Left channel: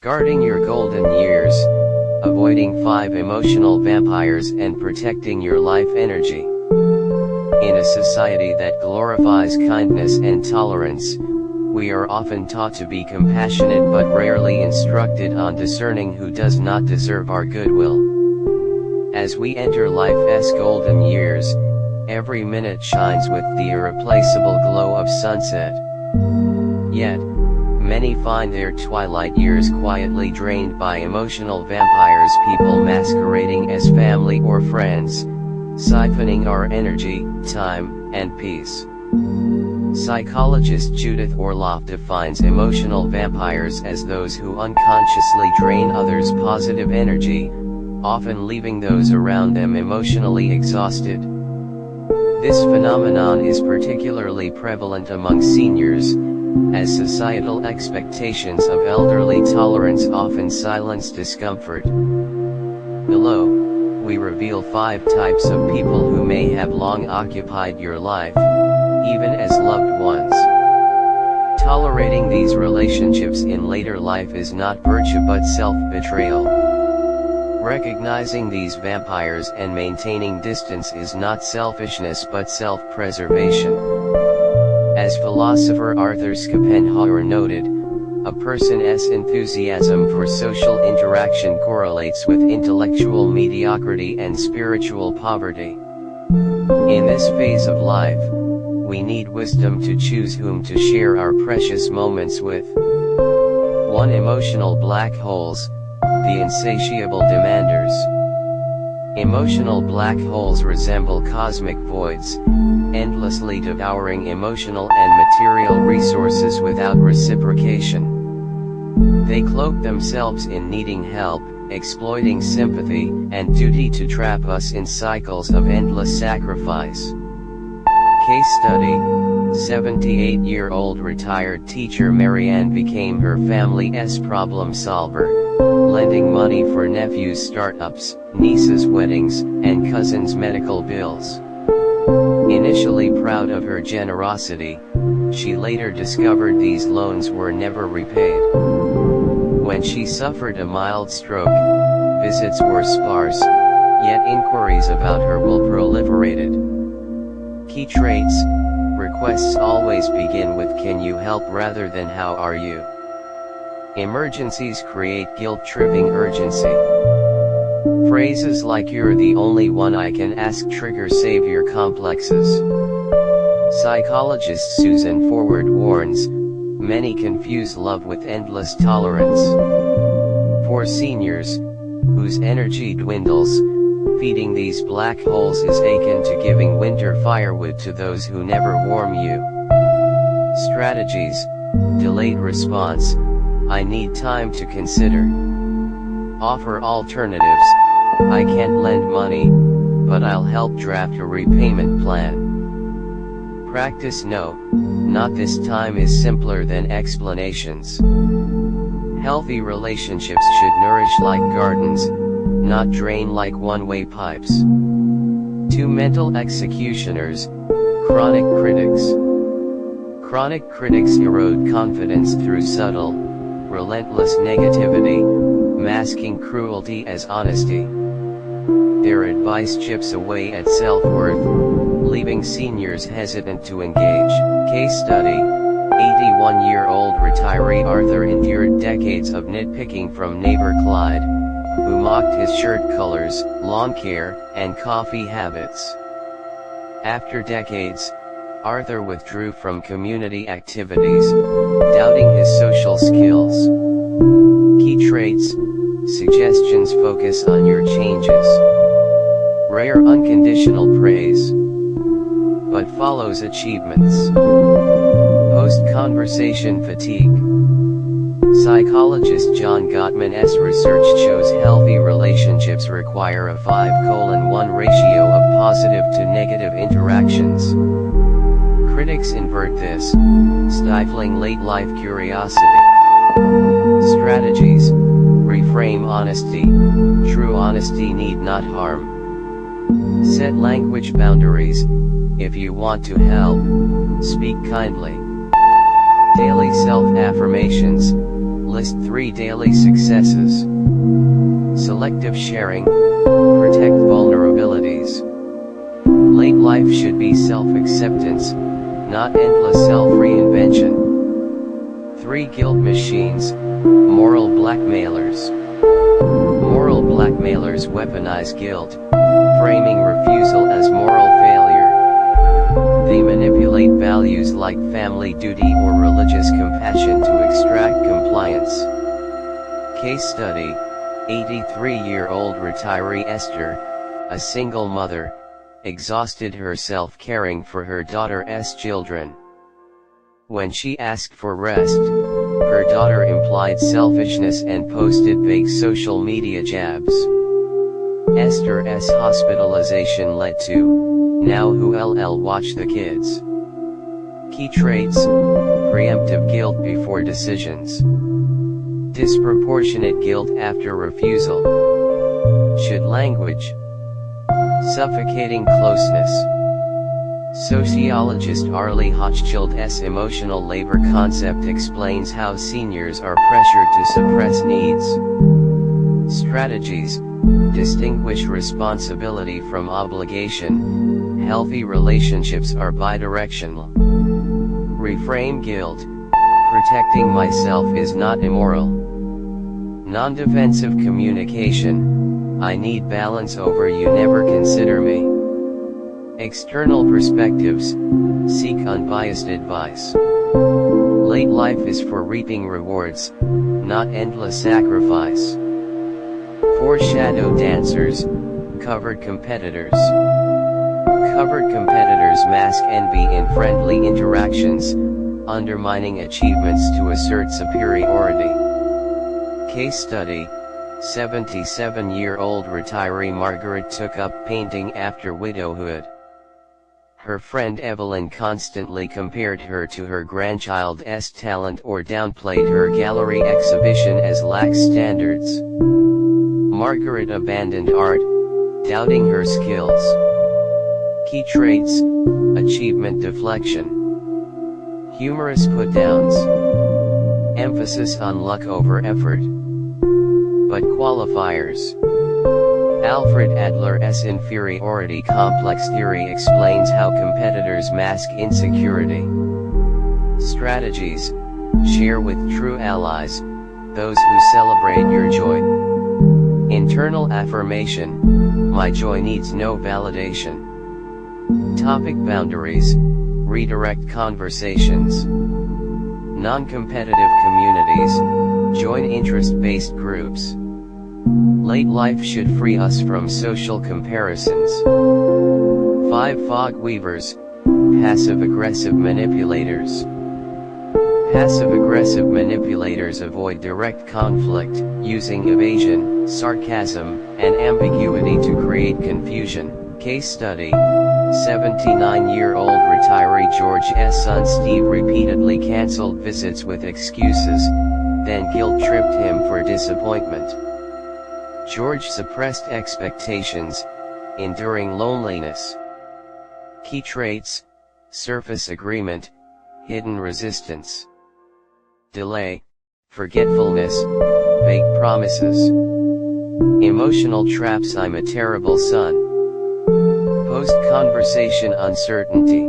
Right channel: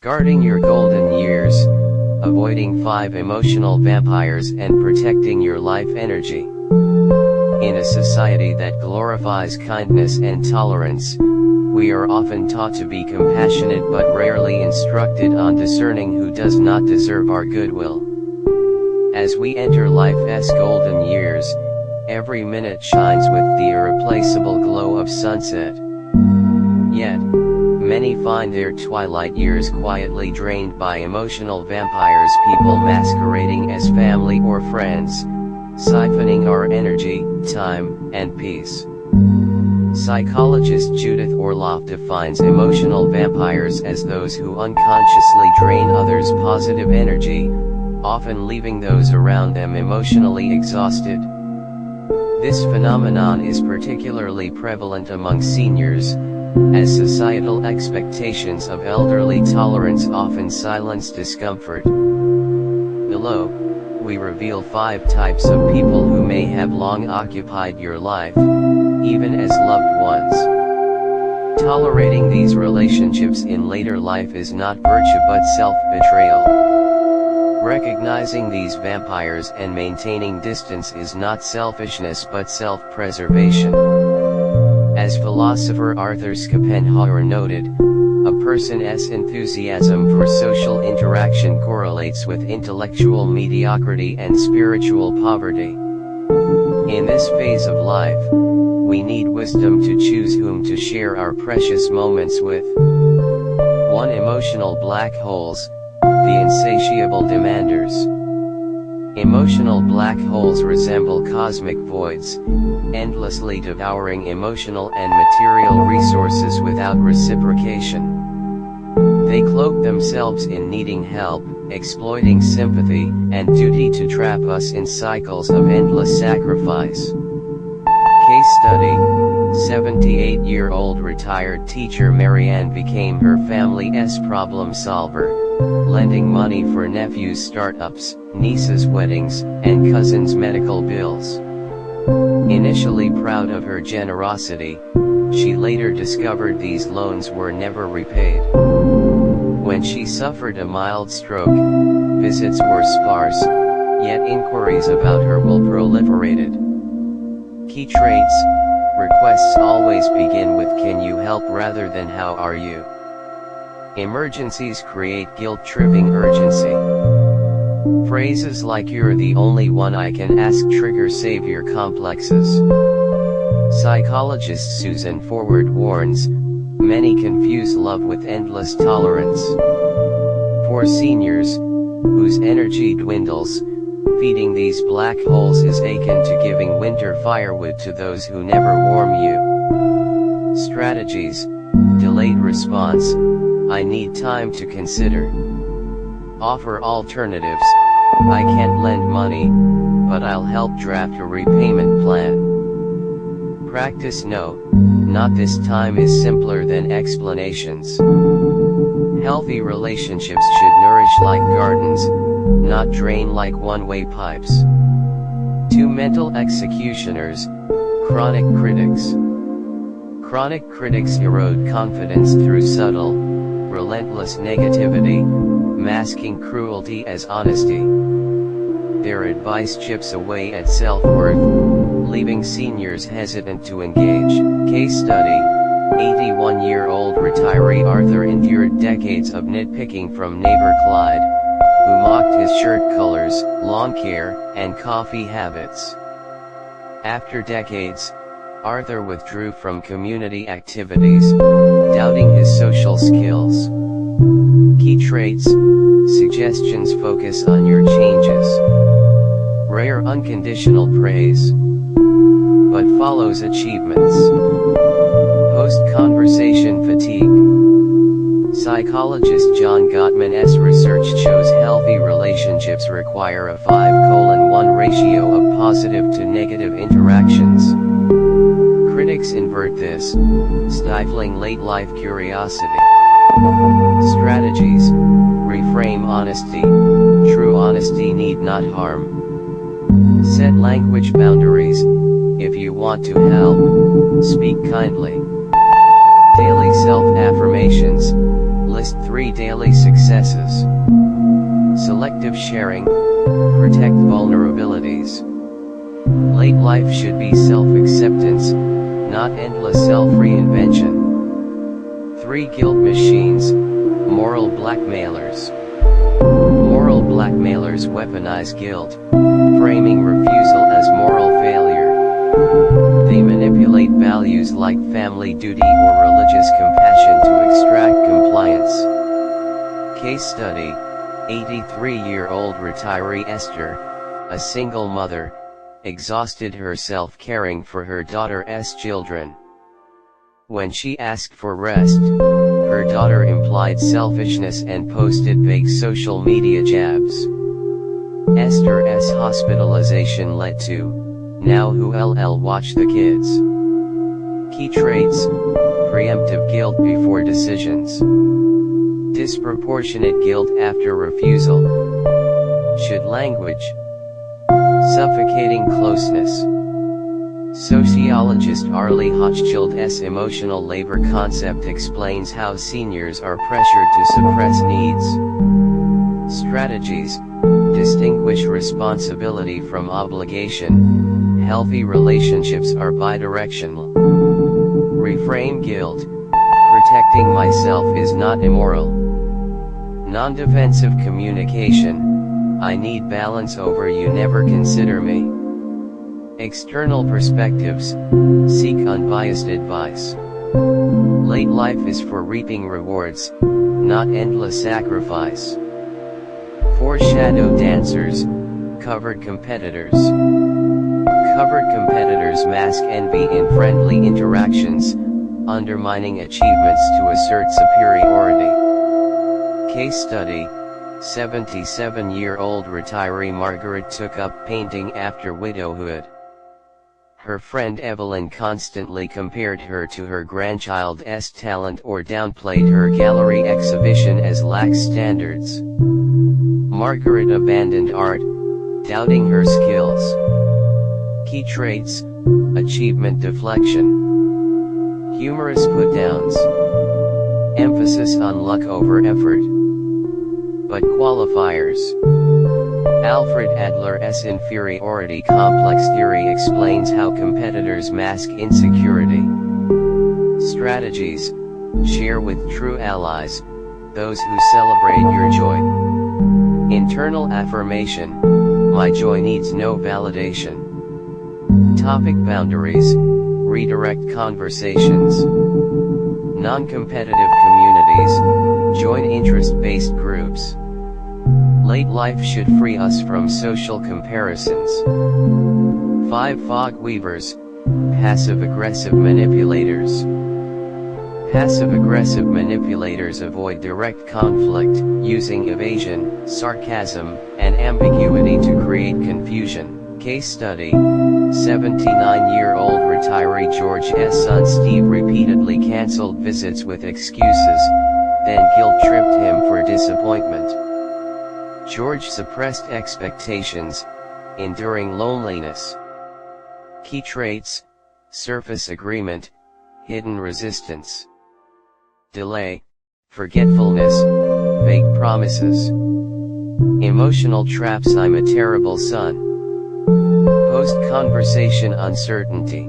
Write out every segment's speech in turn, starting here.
Guarding your golden years, avoiding 5 emotional vampires and protecting your life energy. In a society that glorifies kindness and tolerance, we are often taught to be compassionate but rarely instructed on discerning who does not deserve our goodwill. As we enter life's golden years, every minute shines with the irreplaceable glow of sunset. Yet, many find their twilight years quietly drained by emotional vampires, people masquerading as family or friends, siphoning our energy, time, and peace. Psychologist Judith Orloff defines emotional vampires as those who unconsciously drain others' positive energy, often leaving those around them emotionally exhausted. This phenomenon is particularly prevalent among seniors, as societal expectations of elderly tolerance often silence discomfort. Below, we reveal 5 types of people who may have long occupied your life, even as loved ones. Tolerating these relationships in later life is not virtue but self-betrayal. Recognizing these vampires and maintaining distance is not selfishness but self-preservation. As philosopher Arthur Schopenhauer noted, a person's enthusiasm for social interaction correlates with intellectual mediocrity and spiritual poverty. In this phase of life, we need wisdom to choose whom to share our precious moments with. 1. Emotional black holes, the insatiable demanders. Emotional black holes resemble cosmic voids, endlessly devouring emotional and material resources without reciprocation. They cloak themselves in needing help, exploiting sympathy, and duty to trap us in cycles of endless sacrifice. Case study: 78-year-old retired teacher Marianne became her family's problem solver, lending money for nephews' startups, nieces' weddings, and cousins' medical bills. Initially proud of her generosity, she later discovered these loans were never repaid. When she suffered a mild stroke, visits were sparse, yet inquiries about her will proliferated. Key traits: requests always begin with "Can you help?" rather than "How are you?" Emergencies create guilt-tripping urgency. Phrases like "You're the only one I can ask" trigger savior complexes. Psychologist Susan Forward warns, many confuse love with endless tolerance. For seniors, whose energy dwindles, feeding these black holes is akin to giving winter firewood to those who never warm you. Strategies: delayed response, "I need time to consider." Offer alternatives: "I can't lend money, but I'll help draft a repayment plan." Practice "No, not this time" is simpler than explanations. Healthy relationships should nourish like gardens, not drain like one-way pipes. 2. Mental executioners, chronic critics. Chronic critics erode confidence through subtle, relentless negativity, masking cruelty as honesty. Their advice chips away at self-worth, leaving seniors hesitant to engage. Case study: 81-year-old retiree Arthur endured decades of nitpicking from neighbor Clyde, who mocked his shirt colors, lawn care, and coffee habits. After decades, Arthur withdrew from community activities, doubting his social skills. Key traits: suggestions focus on your changes. Rare unconditional praise, but follows achievements. Post-conversation fatigue. Psychologist John Gottman's research shows healthy relationships require a 5:1 ratio of positive to negative interactions. Critics invert this, stifling late-life curiosity. Strategies: reframe honesty, true honesty need not harm. Set language boundaries: if you want to help, speak kindly. Daily self-affirmations: List 3 daily successes. Selective sharing, protect vulnerabilities. Late life should be self-acceptance, not endless self-reinvention. 3 guilt machines, moral blackmailers. Moral blackmailers weaponize guilt, framing refusal as moral failure. They manipulate values like family duty or religious compassion to extract compliance. Case study, 83-year-old retiree Esther, a single mother, exhausted herself caring for her daughter's children. When she asked for rest, her daughter implied selfishness and posted vague social media jabs. Esther's hospitalization led to, "Now who'll watch the kids?" Key traits: preemptive guilt before decisions. Disproportionate guilt after refusal. Should language. Suffocating closeness. Sociologist Arlie Hochschild's emotional labor concept explains how seniors are pressured to suppress needs. Strategies: distinguish responsibility from obligation. Healthy relationships are bidirectional. Reframe guilt: protecting myself is not immoral. Non-defensive communication: I need balance over you never consider me. External perspectives: seek unbiased advice. Late life is for reaping rewards, not endless sacrifice. 4 shadow dancers, covered competitors. Covered competitors mask envy in friendly interactions, undermining achievements to assert superiority. Case study, 77-year-old retiree Margaret took up painting after widowhood. Her friend Evelyn constantly compared her to her grandchild's talent or downplayed her gallery exhibition as lax standards. Margaret abandoned art, doubting her skills. Key traits: achievement deflection. Humorous put-downs. Emphasis on luck over effort. But qualifiers. Alfred Adler's inferiority complex theory explains how competitors mask insecurity. Strategies: share with true allies, those who celebrate your joy. Internal affirmation: my joy needs no validation. Topic: boundaries, redirect conversations. Non-competitive communities, join interest-based groups. Late life should free us from social comparisons. 5 fog weavers, passive-aggressive manipulators. Passive-aggressive manipulators avoid direct conflict, using evasion, sarcasm, and ambiguity to create confusion. Case study, 79-year-old retiree George's son Steve repeatedly cancelled visits with excuses, then guilt-tripped him for disappointment. George suppressed expectations, enduring loneliness. Key traits: surface agreement, hidden resistance. Delay, forgetfulness, vague promises. Emotional traps: I'm a terrible son. Post-conversation uncertainty.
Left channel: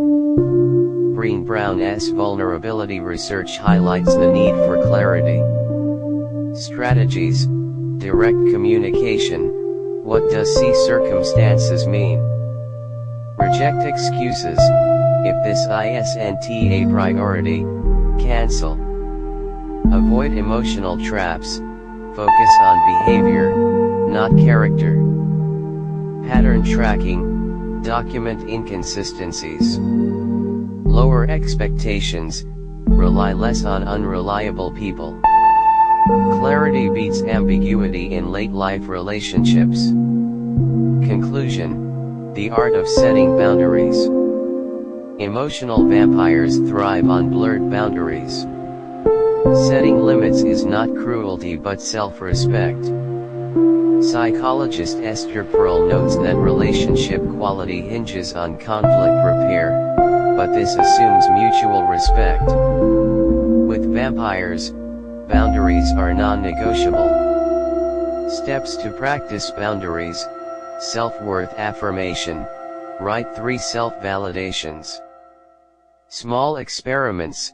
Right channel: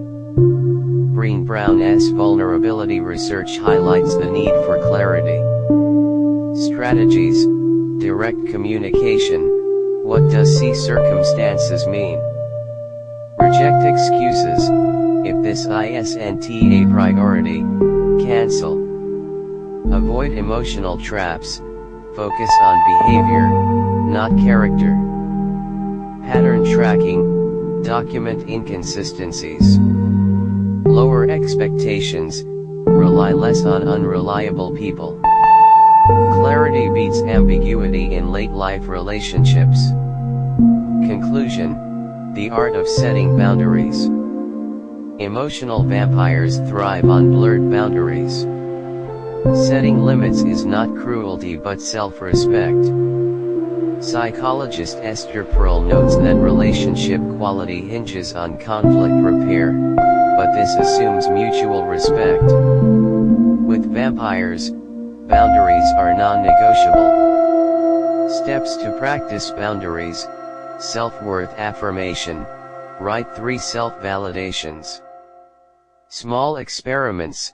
Breen Brown's vulnerability research highlights the need for clarity. Strategies: direct communication. What does "see circumstances" mean? Reject excuses. If this isn't a priority, cancel. Avoid emotional traps. Focus on behavior, not character. Pattern tracking. Document inconsistencies. Lower expectations. Rely less on unreliable people. Clarity beats ambiguity in late-life relationships. Conclusion: the art of setting boundaries. Emotional vampires thrive on blurred boundaries. Setting limits is not cruelty but self-respect. Psychologist Esther Perel notes that relationship quality hinges on conflict repair, but this assumes mutual respect. With vampires, Boundaries are non-negotiable. Steps to practice boundaries: self-worth affirmation, write 3 self-validations. Small experiments,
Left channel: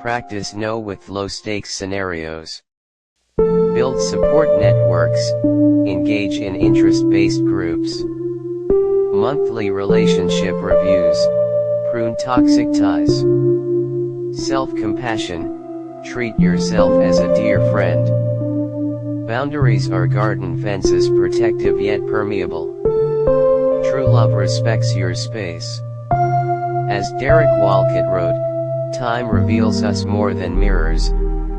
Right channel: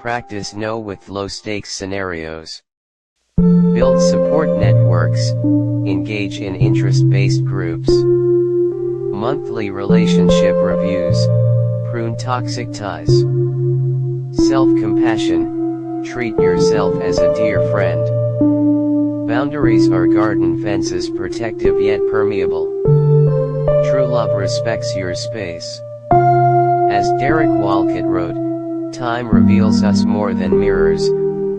practice no with low-stakes scenarios. Build support networks, engage in interest-based groups. Monthly relationship reviews, prune toxic ties. Self-compassion, treat yourself as a dear friend. Boundaries are garden fences, protective yet permeable. True love respects your space. As Derek Walcott wrote, time reveals us more than mirrors,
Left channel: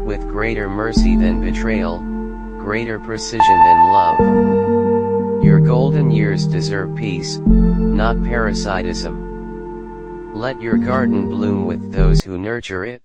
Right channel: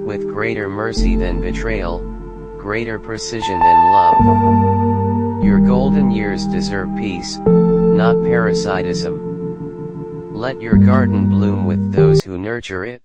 with greater mercy than betrayal, greater precision than love. Your golden years deserve peace, not parasitism. Let your garden bloom with those who nurture it.